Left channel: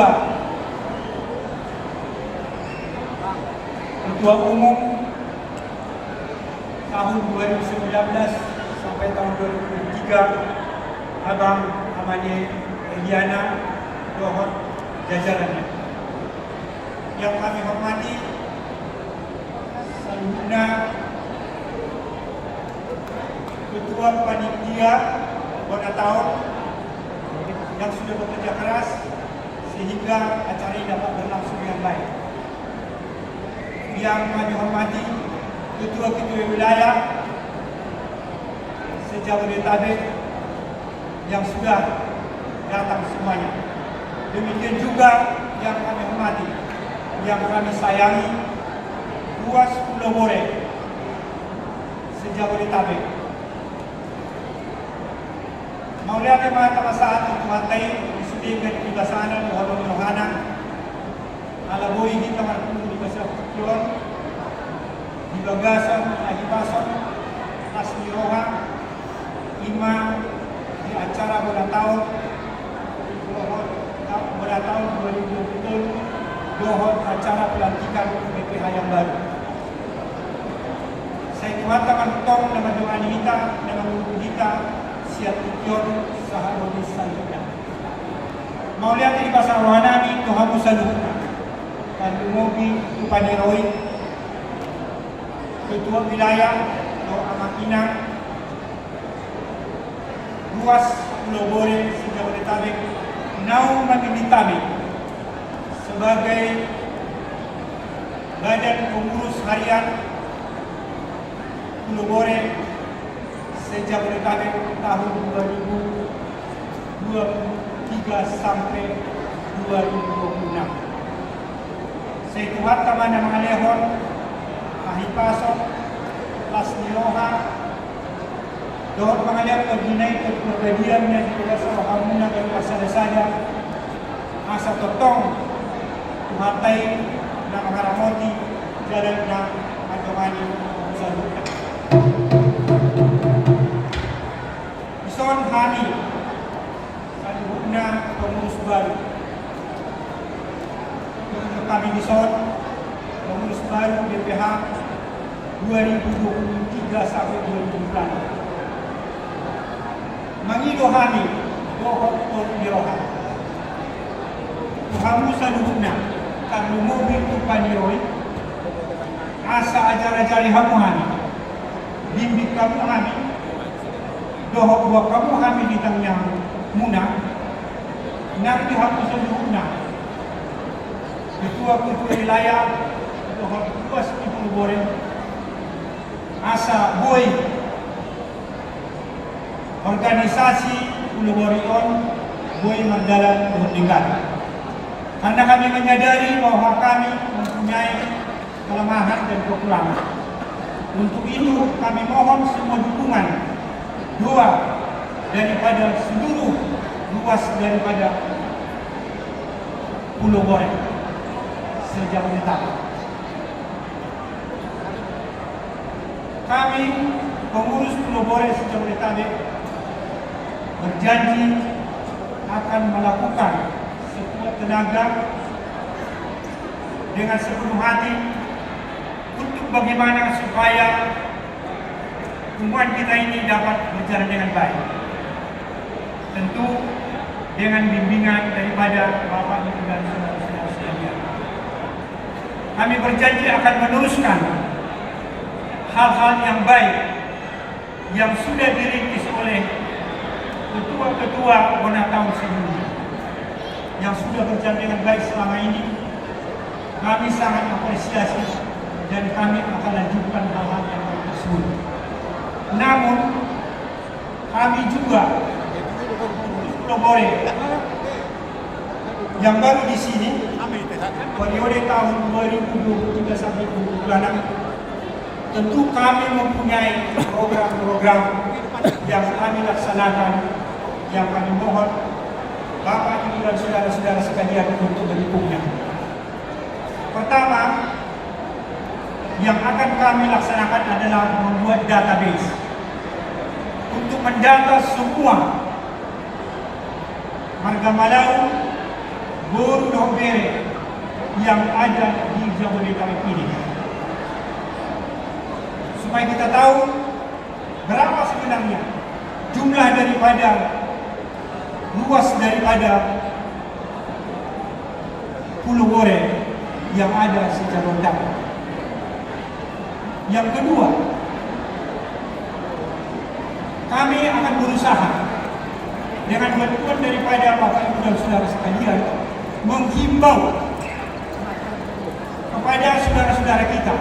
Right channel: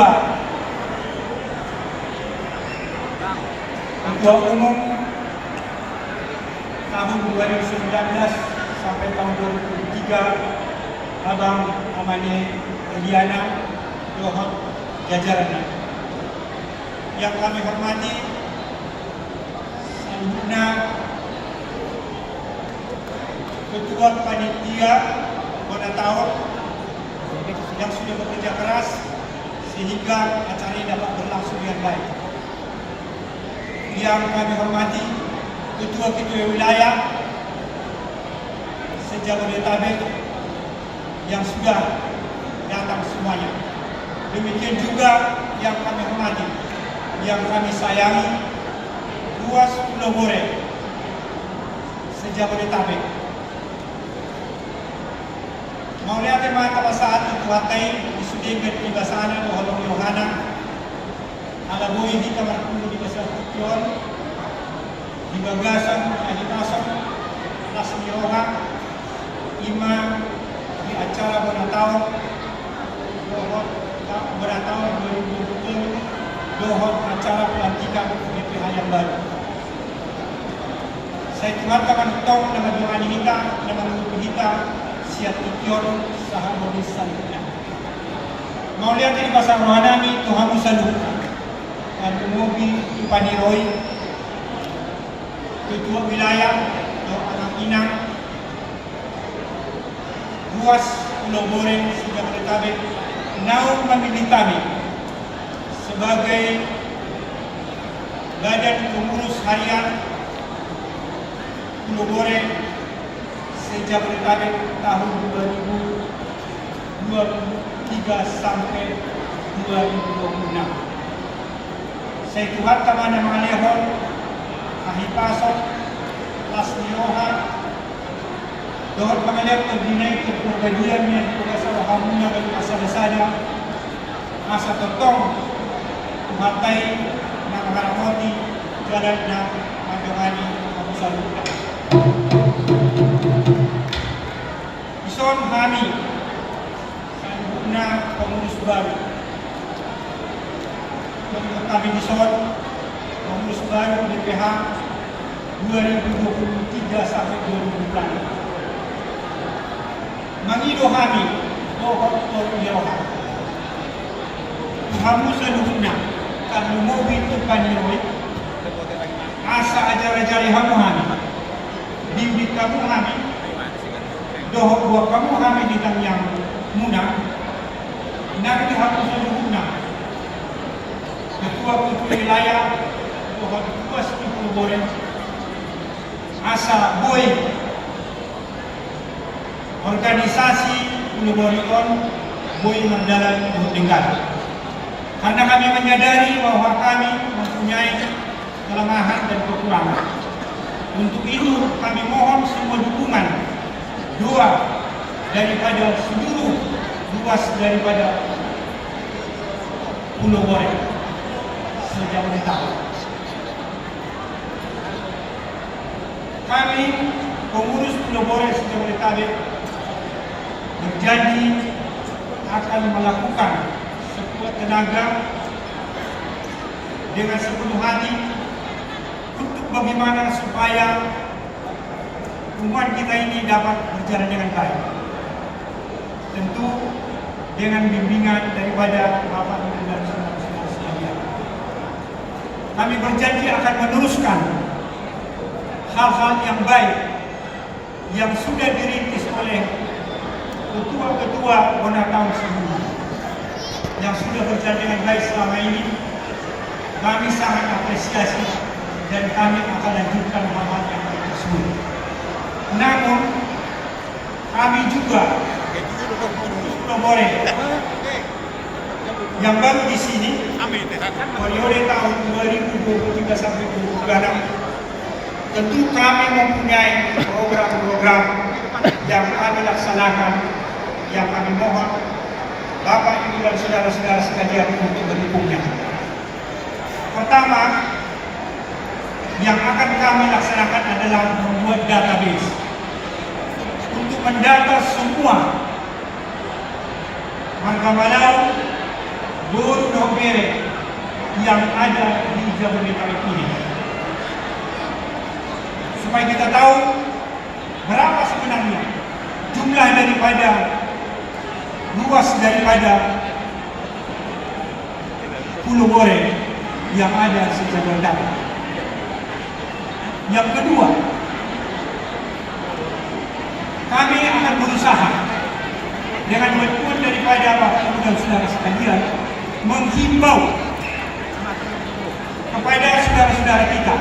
Kedua, Ketua Umum tahun 2019 sampai tahun 2023 Abang namanya Eliana Dohot jajarannya. Yang kami hormati selanjutnya Ketua Panitia pada tahun yang sudah bekerja keras sehingga acara ini dapat berlangsung dengan baik. Yang kami hormati Ketua-Ketua Wilayah se-Jabodetabek yang sudah datang semuanya. Demikian juga yang kami hormati, yang kami sayangi, Ruas Pulau Borel se-Jabodetabek. Maulia tema saat itu hatai disudikan di basana doholong yohana ala boi di kamar puluh di kasar tukion di bagasan adi pasang lasmi roha ima di acara beratau beratau 2020 dohon acara pelantikan BPH yang baru. Saya tuhatkan tong dengan doa kita dengan mengupi kita siap ikion sahabat selanjutnya. Mau lihat di pasar rohanami Tuhan Musalu dan Mumobi Tupani Roy Ketua Wilayah atau Anak Inang Ruas Pulau Borel se-Jabodetabek Nau memilih kami sebagai Badan Pengurus Harian Pulau Borel se-Jabodetabek tahun 2023 sampai 2026. Saya tuhatkan nama Alehon, Ahipasok, Lasmiroha, Dohor Pangalian Perdinai Kepribadian yang tugas Wahamuna dan Pasada Masa Totong, Tuhatai, Nama Haramoti, Jalan dan Mandomani, Abu Saluka. Ison Hani, Sangguna Pengurus Baru. Menurut kami Ison, Pengurus Baru BPH 2023 sampai 2024. Mangido Hani, Dohor Yoha. Tuhamu seluruhnya, kalau mobil itu paniroi, asa ajar-ajari hamu Hani. Bimbing kamu Hani. Dohok buat kamu kami di dalam yang muna, nanti harus seluruhnya. Ketua-ketua wilayah, dohok tugas di Pulau Borel, asa boy, organisasi Pulau Borel, boy mendalam bertingkat. Karena kami menyadari bahwa kami mempunyai kelemahan dan kekurangan. Untuk itu kami mohon semua dukungan doa daripada seluruh luas daripada Pulau Borel se-Jabodetabek. Kami pengurus Pulau Borel se-Jabodetabek berjanji akan melakukan sekuat tenaga dengan sepenuh hati untuk bagaimana supaya hubungan kita ini dapat berjalan dengan baik. Tentu dengan bimbingan daripada Bapak Ibu dan saudara-saudara sekalian. Kami berjanji akan meneruskan hal-hal yang baik yang sudah dirintis oleh ketua-ketua tahun sebelumnya yang sudah berjalan dengan baik selama ini. Kami sangat apresiasi dan kami akan lanjutkan hal-hal yang baik tersebut. Namun kami juga Pulau Borel yang baru di sini periode tahun 2023 sampai 2026 tentu kami mempunyai program-program yang kami laksanakan yang kami mohon Bapak Ibu dan saudara-saudara sekalian untuk mendukungnya. Pertama yang akan kami laksanakan adalah membuat database untuk mendata semua marga Malau Boru Dombere yang ada di Jabodetabek ini. Supaya kita tahu berapa sebenarnya jumlah daripada luas daripada Pulau Bore yang ada se-Jabodetabek. Yang kedua, kami akan berusaha dengan bantuan daripada Bapak Ibu dan saudara sekalian menghimbau kepada saudara-saudara kita,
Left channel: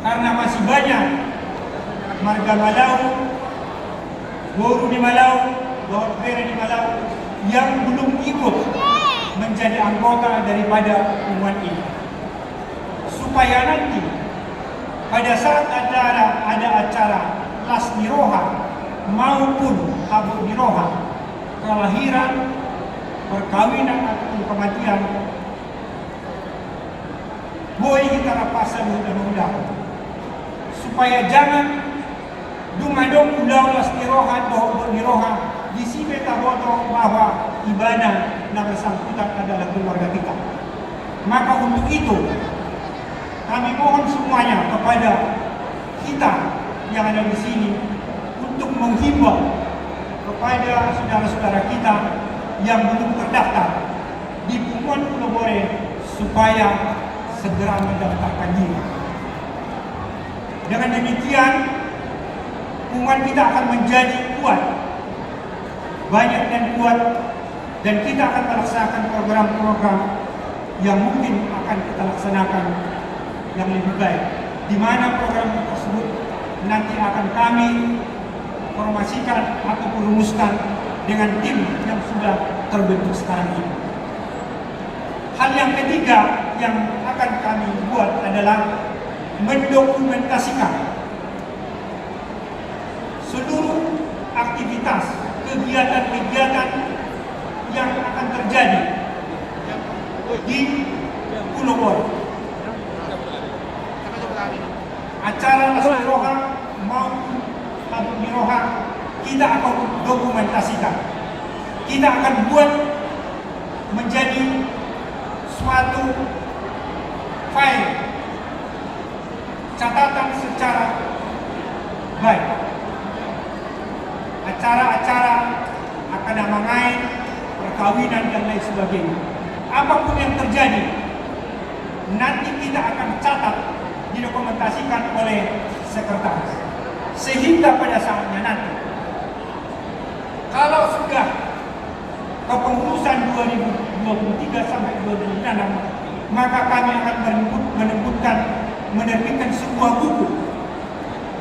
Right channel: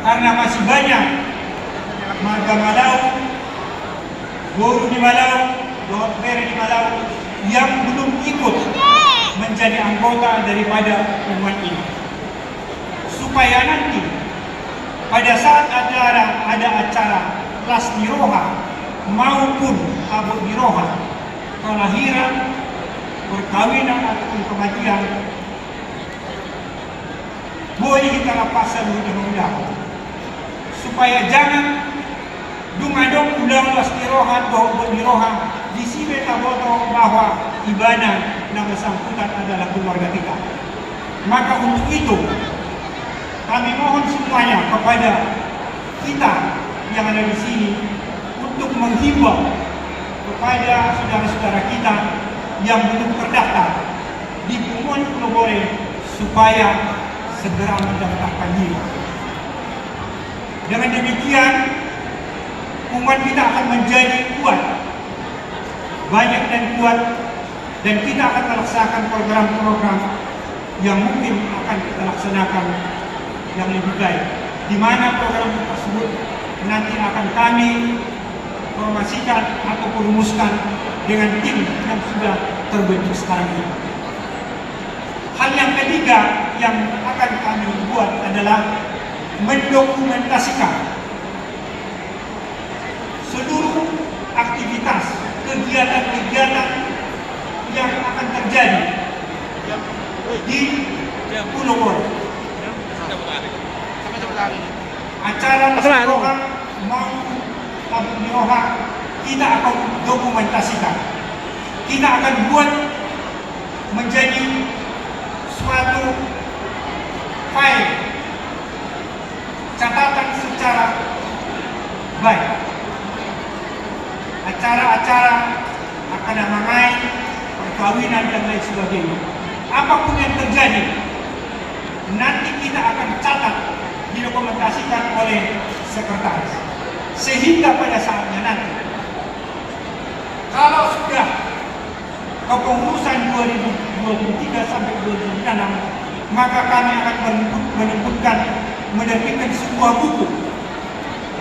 karena masih banyak marga Malau, Boru di Malau, Dombere di Malau yang belum ikut menjadi anggota daripada umat ini, supaya nanti pada saat ada acara kelas Niroha maupun Abu Niroha, kelahiran, perkawinan ataupun kematian, boleh kita lepaskan undang-undang, supaya jangan dungadong undang was Niroha atau Niroha di sini taboto bahwa ibadah yang bersangkutan adalah keluarga kita. Maka untuk itu kami mohon semuanya kepada kita yang ada di sini untuk menghimbau kepada saudara-saudara kita yang belum terdaftar di Pulau Bore supaya segera mendaftarkan diri. Dengan demikian umat kita akan menjadi kuat, banyak dan kuat, dan kita akan melaksanakan program-program yang mungkin akan kita laksanakan yang lebih baik. Di mana program tersebut nanti akan kami formasikan atau rumuskan dengan tim yang sudah terbentuk sekarang ini. Hal yang ketiga yang akan kami buat adalah mendokumentasikan seluruh aktivitas, kegiatan-kegiatan yang akan terjadi di Pulau Bore. Acara Niroha maupun Abu Niroha kita akan dokumentasikan. Kita akan buat menjadi suatu file catatan secara baik. Acara-acara akan main, perkawinan dan lain sebagainya. Apapun yang terjadi, nanti kita akan catat, didokumentasikan oleh sekretaris. Sehingga pada saatnya nanti, kalau sudah kepengurusan 2023 sampai 2026, maka kami akan menerbitkan sebuah buku,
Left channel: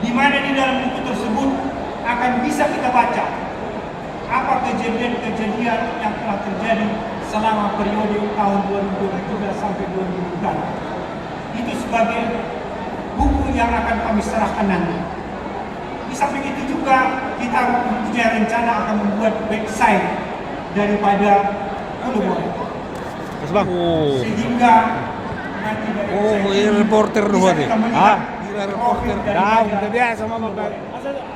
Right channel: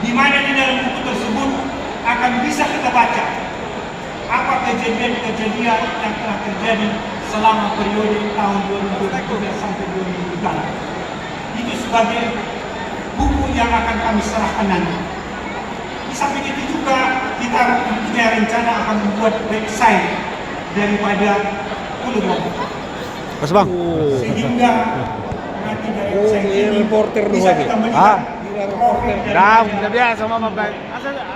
di mana di dalam buku tersebut akan bisa kita baca apa kejadian-kejadian yang telah terjadi selama periode tahun 2023 sampai 2024. Itu sebagai buku yang akan kami serahkan nanti. Di samping itu juga kita punya rencana akan membuat website daripada Pulau Bore. Mas Bang. Sehingga nanti dari website ini reporter bisa doang kita ya? melihat profil Dah, daripada biasa sama Bang.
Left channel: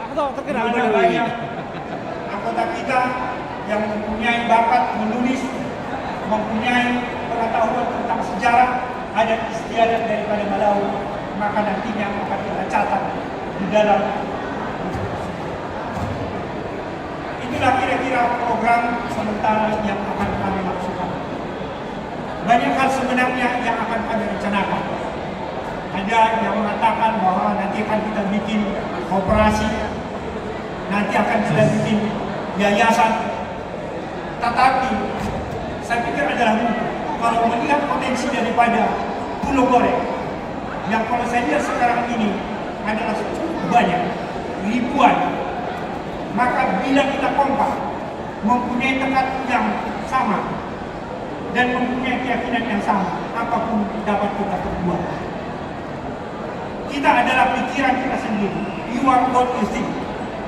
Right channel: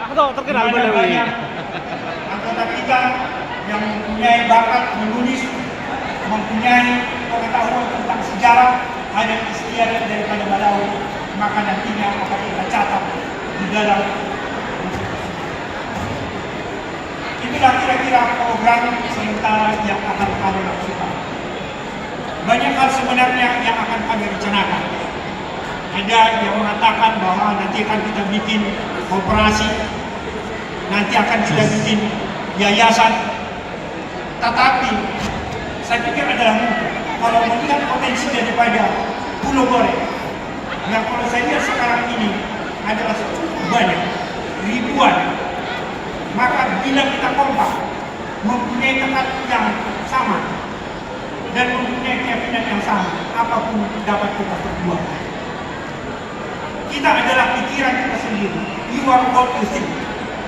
Aku terkenal Balewi. anggota kita yang mempunyai bakat menulis, mempunyai pengetahuan tentang sejarah, ada istiadat daripada Malau, maka nantinya akan kita catat di dalam. Itulah kira-kira program sementara yang akan kami lakukan. Banyak hal sebenarnya yang akan kami rencanakan. Ada yang mengatakan bahwa nanti akan kita bikin operasi, nanti akan kita bikin yayasan. Tetapi saya pikir adalah mungkin kalau melihat potensi daripada Pulau Bore yang kalau saya lihat sekarang ini adalah banyak, ribuan. Maka bila kita kompak, mempunyai tekad yang sama dan mempunyai keyakinan yang sama, apapun dapat kita perbuat. Kita adalah pikiran kita sendiri. You are God to think.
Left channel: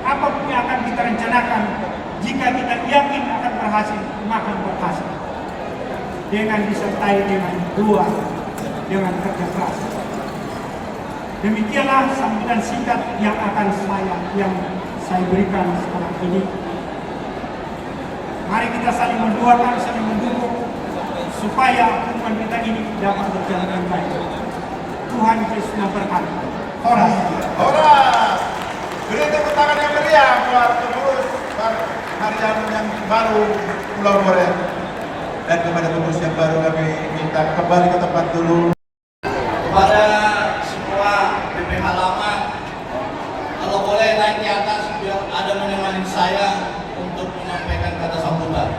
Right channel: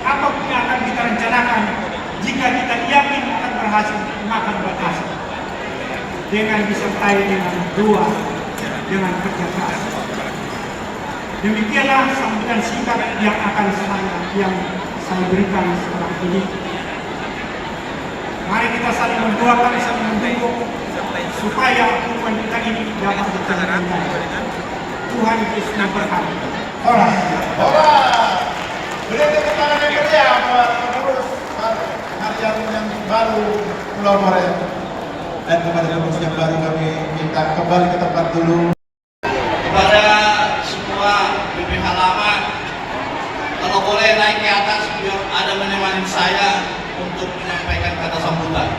Apapun yang akan kita rencanakan, jika kita yakin akan berhasil, maka berhasil. Dengan disertai dengan doa, dengan kerja keras. Demikianlah sambutan singkat yang akan saya berikan sekarang ini. Mari kita saling mendoakan, saling mendukung supaya hubungan kita ini dapat berjalan dengan baik. Tuhan Yesus memberkati. Ora. Beri tepuk tangan yang meriah buat pengurus harian yang baru Pulau Moret. Dan kepada pengurus yang baru kami minta kembali ke tempat dulu. Kepada semua BPH lama, kalau boleh naik ke atas biar ada menemani saya untuk menyampaikan kata sambutan.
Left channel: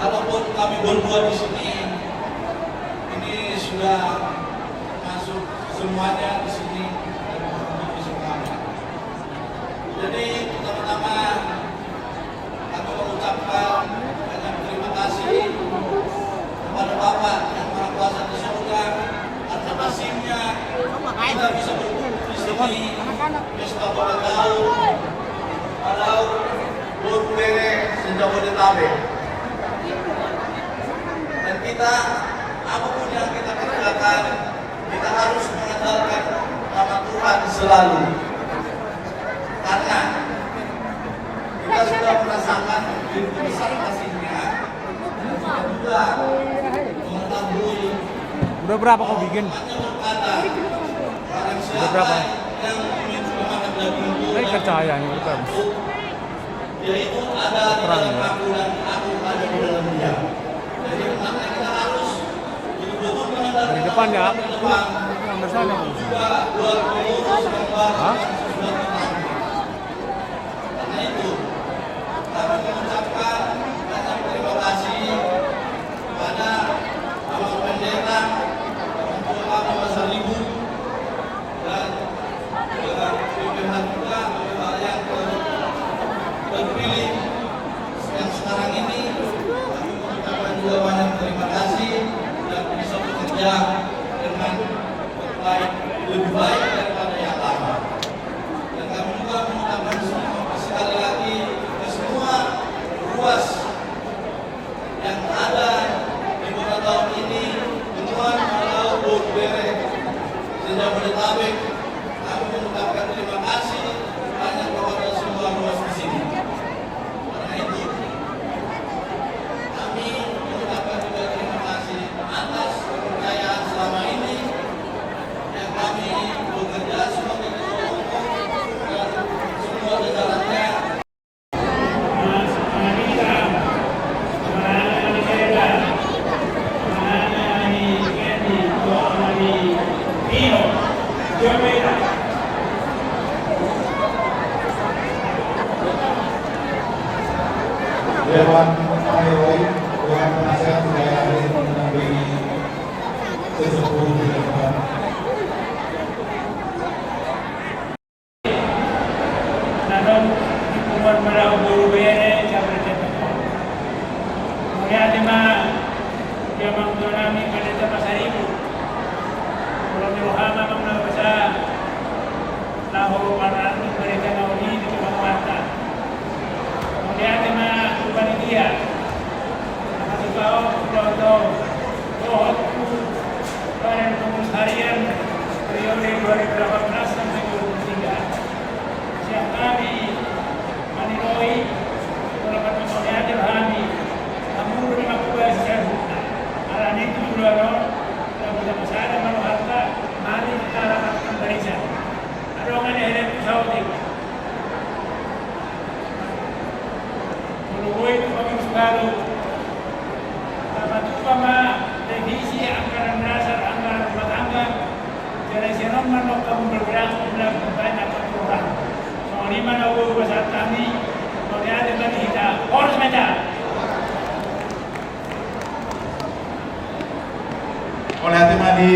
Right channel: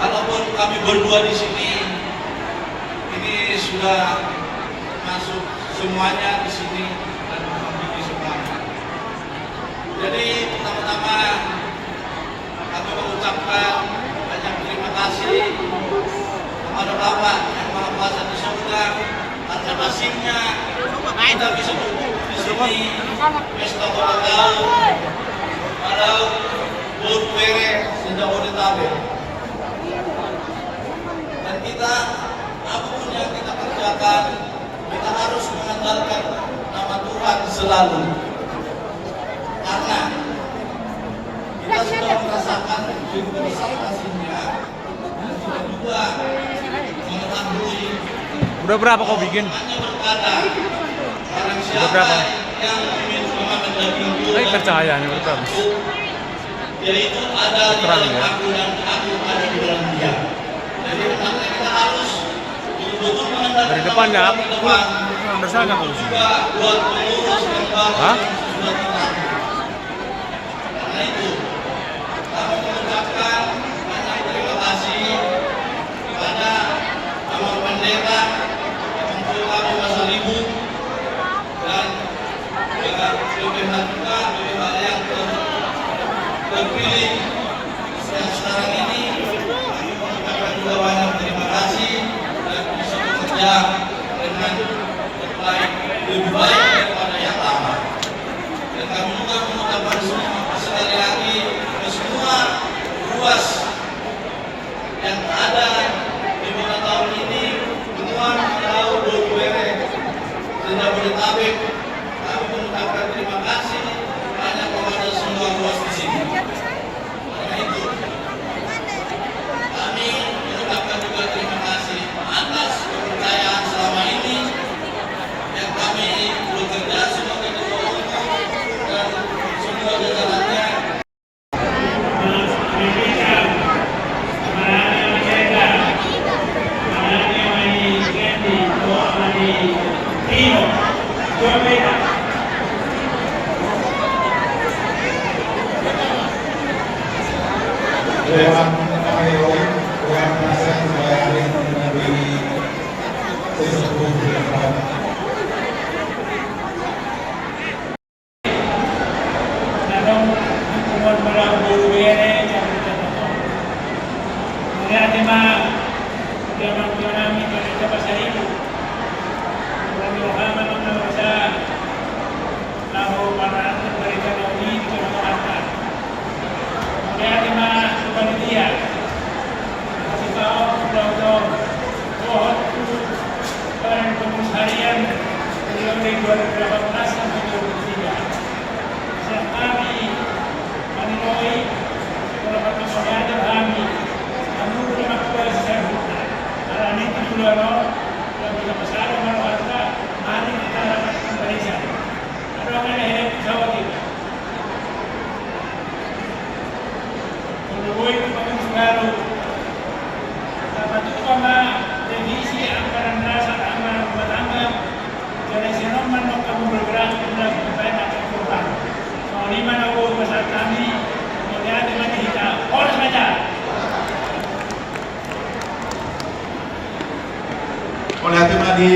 Kalaupun kami berdua di sini, ini sudah masuk semuanya di sini dan memiliki semuanya. Jadi pertama-tama kami mengucapkan banyak terima kasih kepada Bapak yang Maha Kuasa di surga atas kasihnya kita bisa berkumpul di sini pesta ulang tahun pada Borbuere Jabodetabek. Dan kita apapun yang kita kerjakan, kita harus mengandalkan nama Tuhan selalu. Karena kita sudah merasakan begitu besar kasih-Nya, dan juga mengetahui. Udah berapa kau bikin? Berkata, barang siapa Udah berapa? yang ingin memakan daging bulan, Ini cahayanya berapa? yaitu ada di Terang, dalam ya. aku dan aku ada di dalam dia. Jadi pertama kita harus betul-betul mengandalkan Dari depan ya? Tuhan di depan. Dari sana kau. Juga buat pengurus yang baru Hah? yang sudah tenang. Karena itu kami mengucapkan banyak terima kasih kepada Bapak Pendeta, Bapak Tua kami Masa Ribu, dan BPH juga, BPH yang terpilih yang sekarang ini. Kami mengucapkan juga banyak terima kasih yang bisa bekerja dengan terbaik, lebih baik daripada yang lama. Dan kami juga mengucapkan sekali lagi ke semua ruas yang ada di mana tahun ini Benua Pulau Borbuere Jabodetabek. Kami mengucapkan terima kasih banyak kepada semua ruas di sini. Karena itu kami mengucapkan juga terima kasih atas kepercayaan selama ini yang kami bekerja sebagai ketua umum dan semua jajarannya. Dewan Pengurus, Dewan Penasihat Wilayah hari ini mendampingi sesepuh beliau. Kadang hubungan pada Borbuere Jabodetabek. Kemudian ada zaman kami pada Pasar Ibu. Kami Muhammad menguasa tahu para mereka mau ini bukan mata. Kemudian ada panitia. Masih tahu kelompok Tuhan Badan Pengurus Harian periode 2018 sampai 2023. Siap kami Roy, walaupun kami ada kami, kamu lima kuliah sekarang. Karena itu juga loh, kalau kita pasar kalau harta, mari kita lakukan barisan. Ada orang yang ada pesawat itu. Kalau itu kami baru, tapi cuma revisi anggaran dasar, anggaran rumah tangga, jadi sinoman mau kamu bergerak dengan banyak program. Lima nombor besar kami berkaitan dengan kita. Oleh saja. Oleh hati di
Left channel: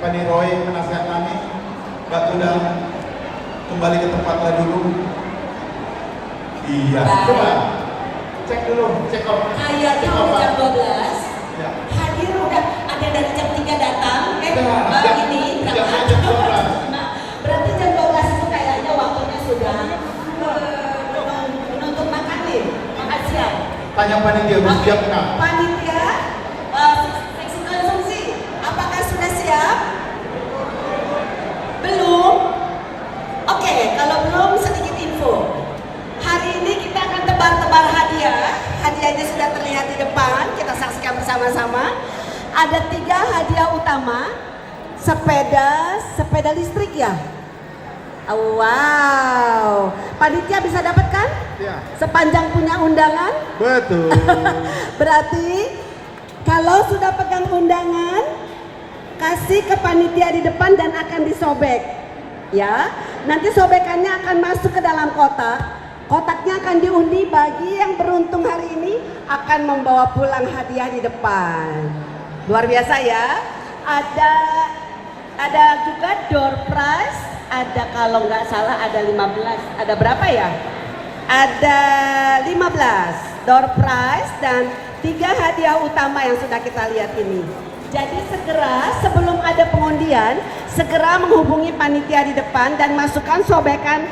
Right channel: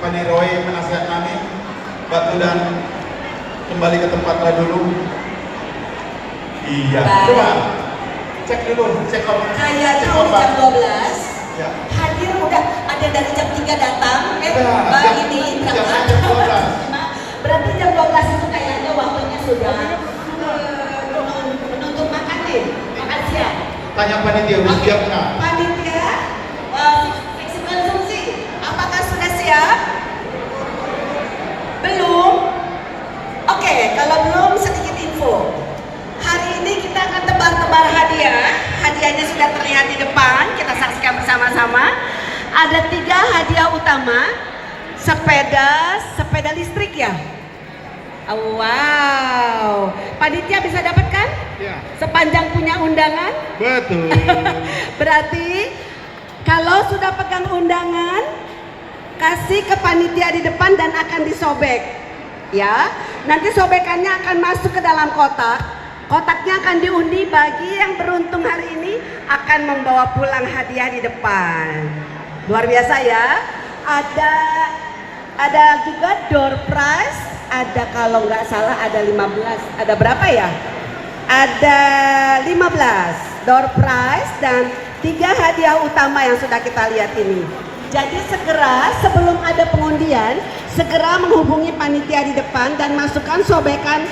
Paniroy penasihat kami, Batu dan kembali ke tempatnya dulu. Iya. Coba cek dulu, cek off. Kayaknya Cek udah off. jam 12. Ya. Hadir udah ada dari jam 3 datang. Ini Jam berangkat. 12. Nah, berarti jam 12 itu kayaknya waktunya sudah menuntut makan nih. Makan siang. Tanya panitia, siap nggak? Panitia Ada 3 hadiah utama. Sepeda listrik ya. Wow, panitia bisa dapat kan? Ya. Sepanjang punya undangan. Betul. Berarti kalau sudah pegang undangan, kasih ke panitia di depan dan akan disobek. Ya, nanti sobekannya akan masuk ke dalam kotak. Kotaknya akan diundi, bagi yang beruntung hari ini akan membawa pulang hadiah di depan. Luar biasa ya. Ada juga door prize. Ada, kalau nggak salah ada 15. Ada berapa ya? Ada 15 door prize dan 3 hadiah utama yang sudah kita lihat ini. Jadi segera sebelum ada pengundian, segera menghubungi panitia di depan dan masukkan sobekan